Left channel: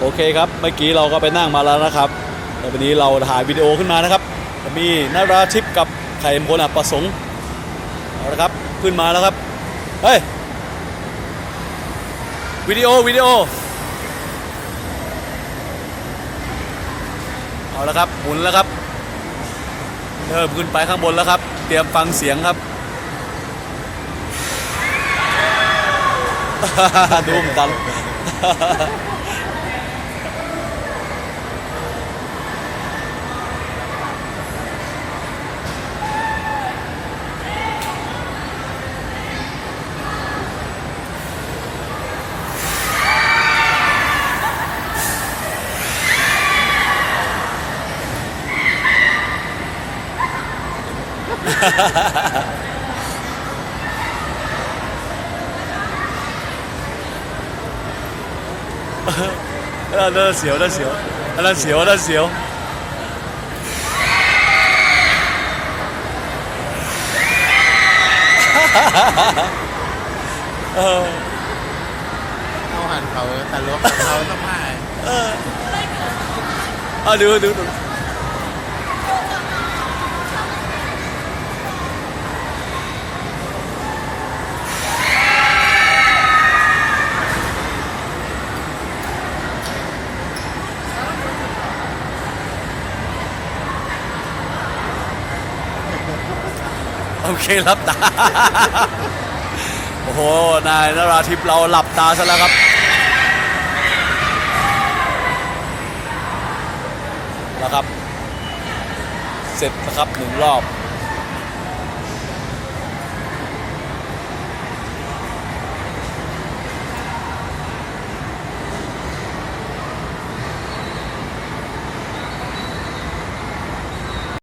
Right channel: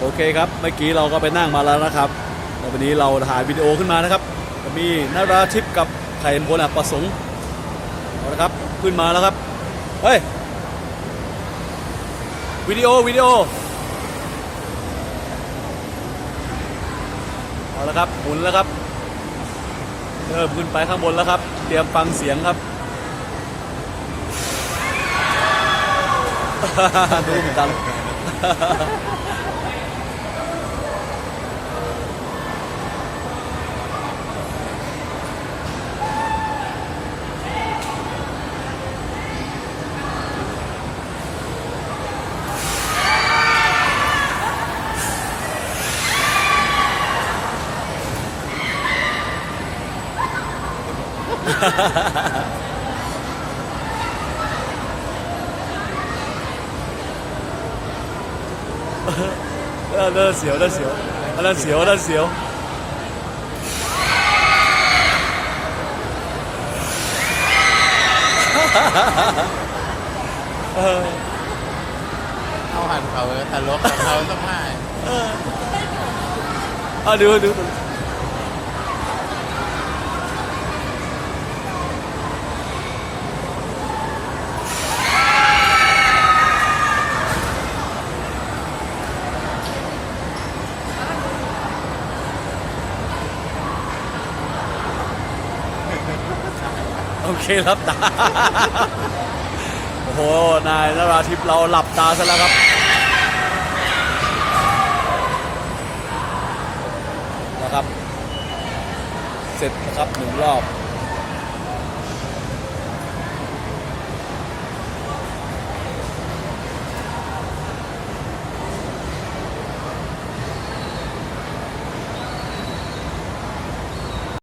โอเคครับเมื่อกี้เราก็ไปนั่งมาแล้วนะครับแล้ววันนี้เราถ่ายวิดีโอขึ้นมานะครับจะมีนาราทิพกับไข่มพลอับประสงค์เอาละครับขึ้นมาแล้วครับเฮ้ยวิดีโอวิดีโอเอาละครับหมุนแล้วครับเริ่มขึ้นไปข้างบนแล้วครับ เตรียมฟังเสียงครับดูเหมือน กันเออนั่นเสียวนั่นเสียวอันนั้นเสียวอันนั้นเสียว เออ เอาหันเขาตลกกับเขาต้องมา อะดูดูดู โอเครับตา โอ้โห นายนราทิพเราหลับตาซะแล้วครับ นะครับ เสร็จนะครับหนึ่งรอบ